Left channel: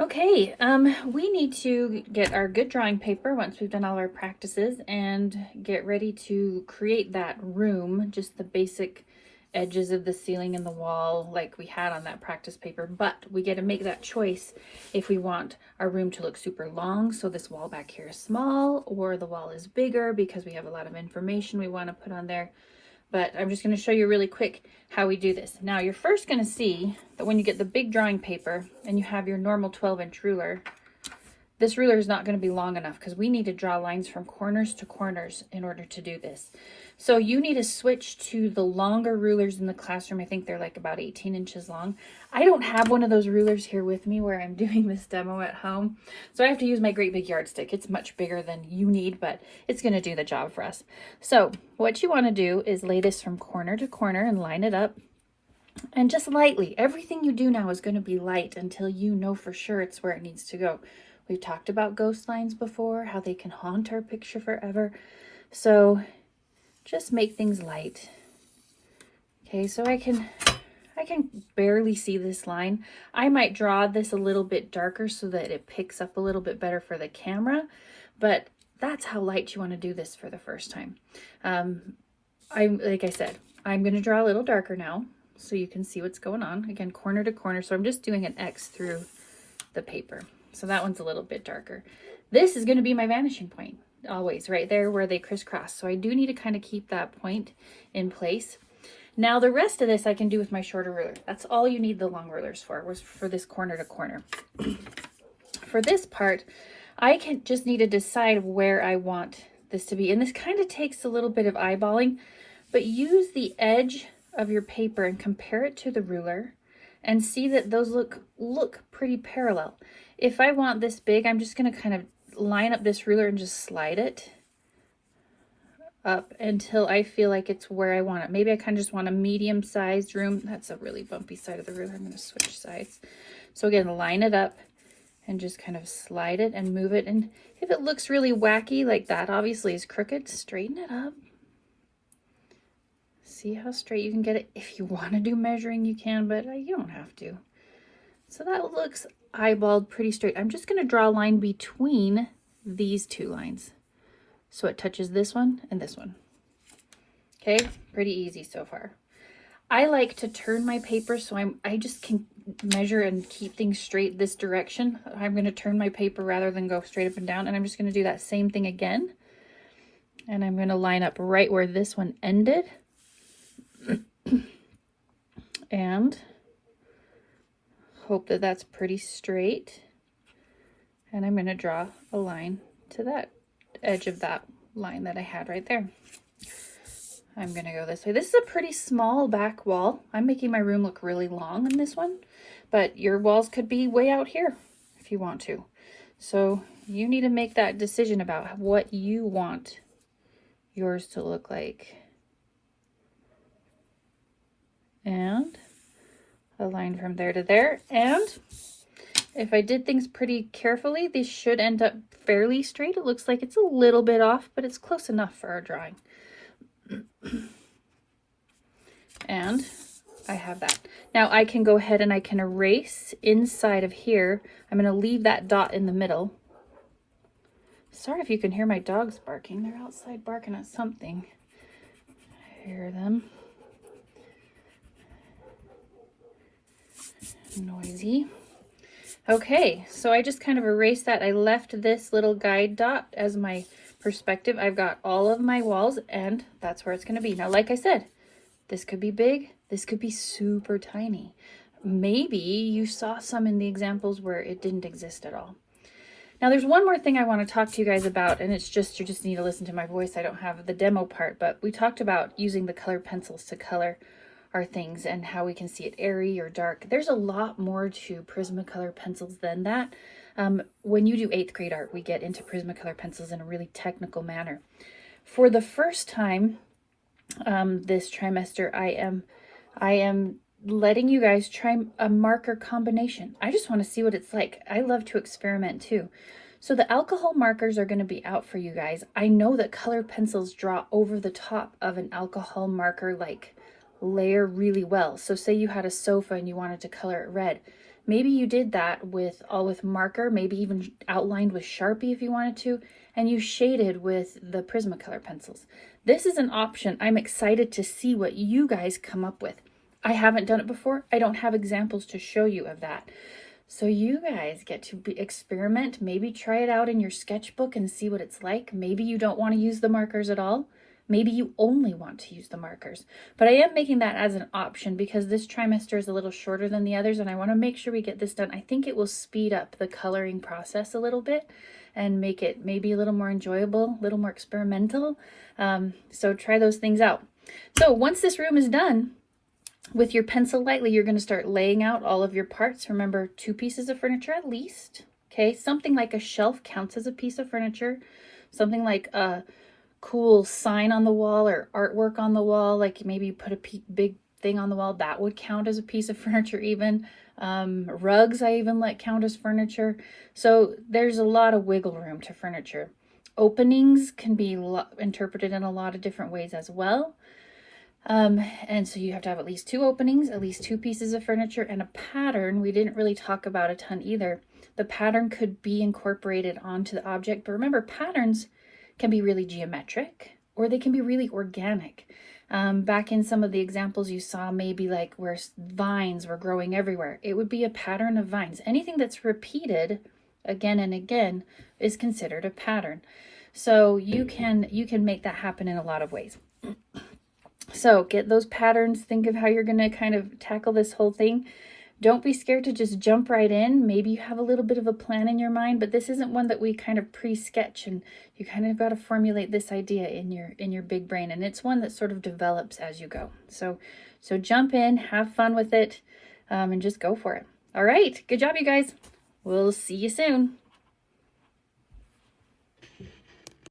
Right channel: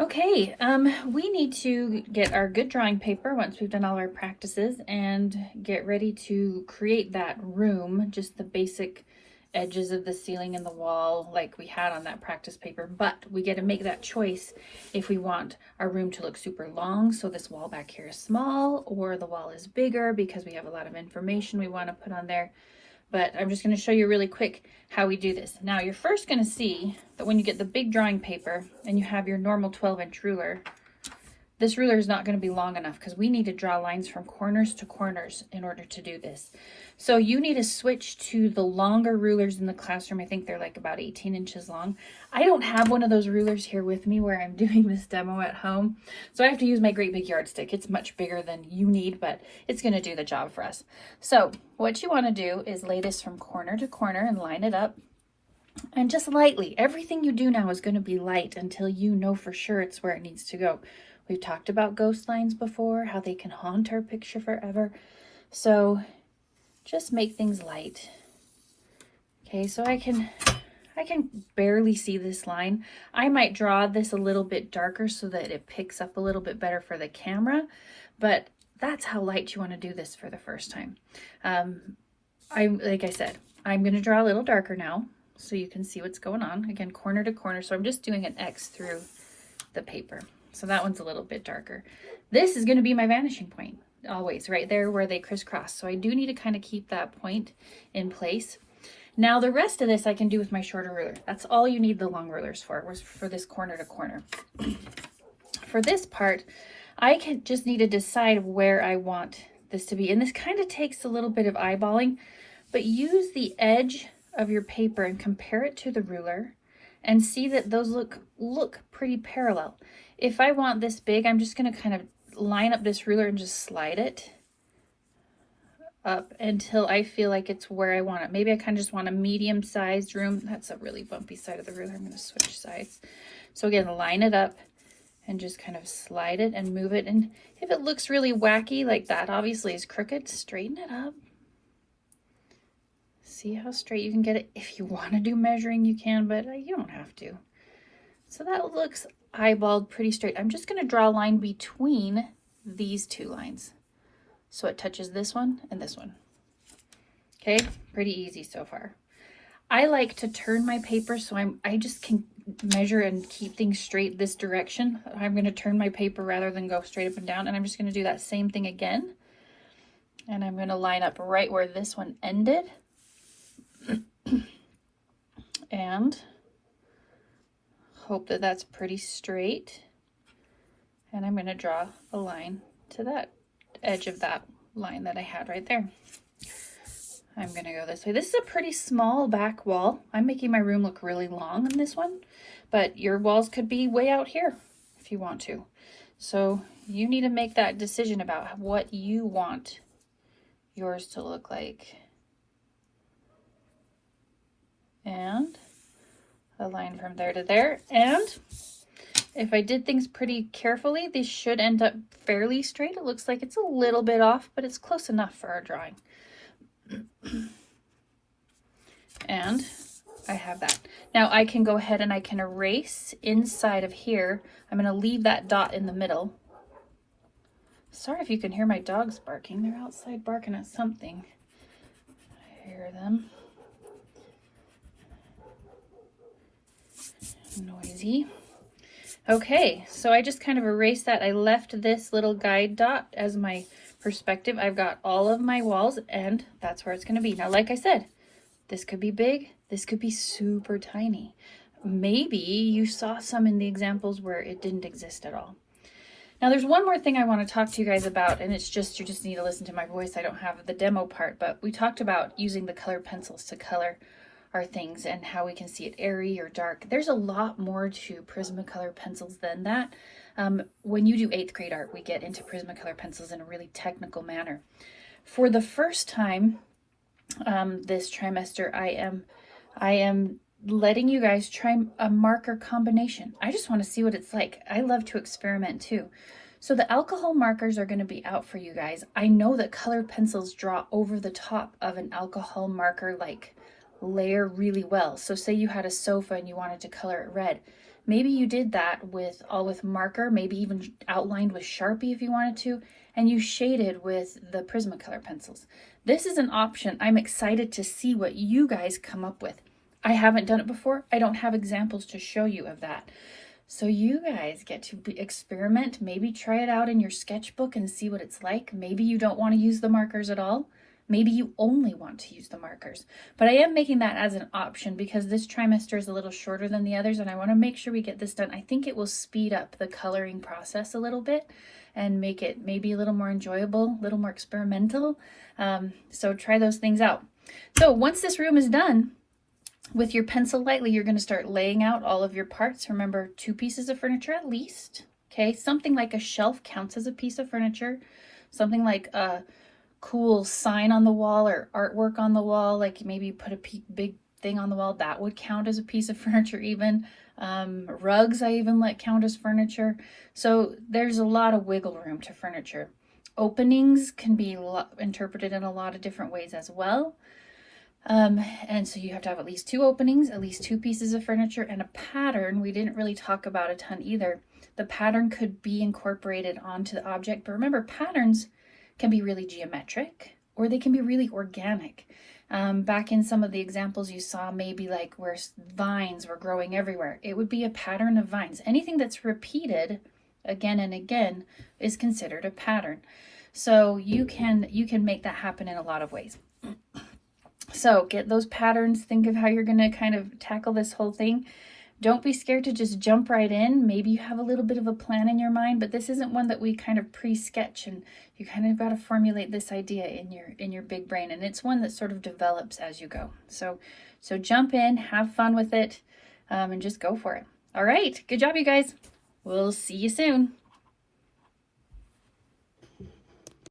Okay, we need to get our good drawing paper once we've done all our practices and get ready to create that room, just the basic edges of the ceiling and the wall like we had on that practice paper. But we get to make that choice if we want our room to look super long, so this wall back here is small, or the wall is bigger because we have a lot of information we want to put on there. But I'm just going to show you really quick how we do this. Now you're first going to see that when you get the big drawing paper and you have your normal 12-inch ruler, this ruler is not going to be long enough because we need to draw lines from corners to corners in order to do this. So you need to switch to the longer rulers in the classroom. I think they're like about 18 inches long. I don't have one of those rulers here with me where I'm doing this demo at home. So I have to use my great big yardstick. It's much bigger than you need, but it's going to do the job for us. So what you want to do is lay this from corner to corner and line it up. And just lightly, everything you do now is going to be light until you know for sure it's where it needs to go. We've talked about ghost lines before, how they can haunt our picture forever. So just make things light. Okay, so I can barely see this line. I might draw this a little bit darker so that it picks up a little bit better for the camera, but that's how light you want to do this for the first time. Like I said, I'm going to draw a little darker now so you can see what's going on. Again, corner to corner, so I'm just doing an X through the paper. So that one's a little bit darker. This is going to be my vanishing point, always right there where they crisscross. So I do need to kind of keep that point in place. Now the rest of this I can do with my shorter ruler. That's all you need the long rulers for, was for this corner to corner. For this part, I can just need to decide where I want this to be. And this kind of takes a little bit of eyeballing, but use the edge of your paper and compare it to the ruler and see that those look pretty parallel. If I want this big, I'm just going to kind of line up this ruler and just slide it up until I feel like it's where I want it. Maybe I kind of just want a medium-sized room. That's a really bumpy side of the ruler. I'm going to switch sides. So again, line it up and just kind of slide it and move it. And if it looks really wacky, like that obviously is crooked, straighten it up. See how straight you can get it. If you want to do measuring, you can, but you don't have to. So that looks eyeballed pretty straight. I'm just going to draw a line between these two lines. So it touches this one and this one. Okay, pretty easy so far. I like to turn my paper so I just can measure and keep things straight this direction. I'm going to turn my paper rather than go straight up and down, and I'm just going to do that same thing again. And I'm going to line up right where this one ended. And hope that that's pretty straight. And I'm going to draw a line to that edge of that line that I had right there. I'm going to go this way. This is a pretty small back wall. I'm making my room look really long in this one, but your walls could be way out here if you want to. So you need to make that decision about what you want yours to look like. And a line from there to there. And if I did things pretty carefully, these should end up fairly straight. It looks like it's a little bit off, but it's close enough for our drawing. And I have that. Now I can go ahead and I can erase inside of here. I'm going to leave that dot in the middle. Sorry if you can hear my dogs barking. They're outside barking at something. I hear them. Noisy. Okay, so I just kind of erased that. I left this little guide dot as my perspective. I've got all of my walls, and that's where it's going to be. Now, like I said, this could be big. This could be super tiny. Maybe you saw some in the examples where it didn't exist at all. Now, there's one more thing I want to talk to you guys about, and it's just, you just need to listen to my voice. I don't have the demo part, but we talked about using the color pencils to color our things and how we can see it airy or dark. There's a lot more to Prismacolor pencils than that. When you do 8th grade art, we get into Prismacolor pencils in a really technical manner. For the first time this trimester, I am letting you guys try a marker combination. I just want to see what it's like. I love to experiment too. So the alcohol markers are going to be out for you guys. I know that colored pencils draw over the top of an alcohol marker like layer really well. So say you had a sofa and you wanted to color it red. Maybe you did that with marker, maybe even outlined with Sharpie if you wanted to, and you shaded with the Prismacolor pencils. This is an option. I'm excited to see what you guys come up with. I haven't done it before. I don't have examples to show you of that. So you guys get to experiment, maybe try it out in your sketchbook and see what it's like. Maybe you don't want to use the markers at all. Maybe you only want to use the markers. But I am making that as an option because this trimester is a little shorter than the others and I want to make sure we get this done. I think it will speed up the coloring process a little bit and make it maybe a little more enjoyable, a little more experimental. So try those things out. So once this room is done, with your pencil lightly, you're going to start laying out all of your parts. Remember, 2 pieces of furniture at least. Okay, something like a shelf counts as a piece of furniture. Something like a cool sign on the wall or artwork on the wall, like maybe you put a big thing on the wall, that would count as a piece of furniture even. Rugs I even let count as furniture. So there's a lot of wiggle room to furniture. Openings can be interpreted in a lot of different ways as well. And so you have to have at least 2 openings, at least 2 pieces of furniture, and a pattern. We didn't really talk about a ton either. The pattern could be incorporated onto the object, but remember, patterns can be really geometric or they can be really organic. Back in some of the examples you saw, maybe like where vines were growing everywhere, it would be a pattern of vines. Anything that's repeated again and again is considered a pattern. So you can make that happen in a lot of ways. So get those patterns, think of how you're going to kind of tackle this whole thing. Don't be scared to just jump right in. Maybe you have a little bit of a plan in your mind, but this isn't one that we kind of pre-sketch, and you kind of got to formulate this idea in your big brain, and it's one that sort of develops as you go. So jump in, have fun with it, and just go for it. All right, good job, you guys. We'll see you soon.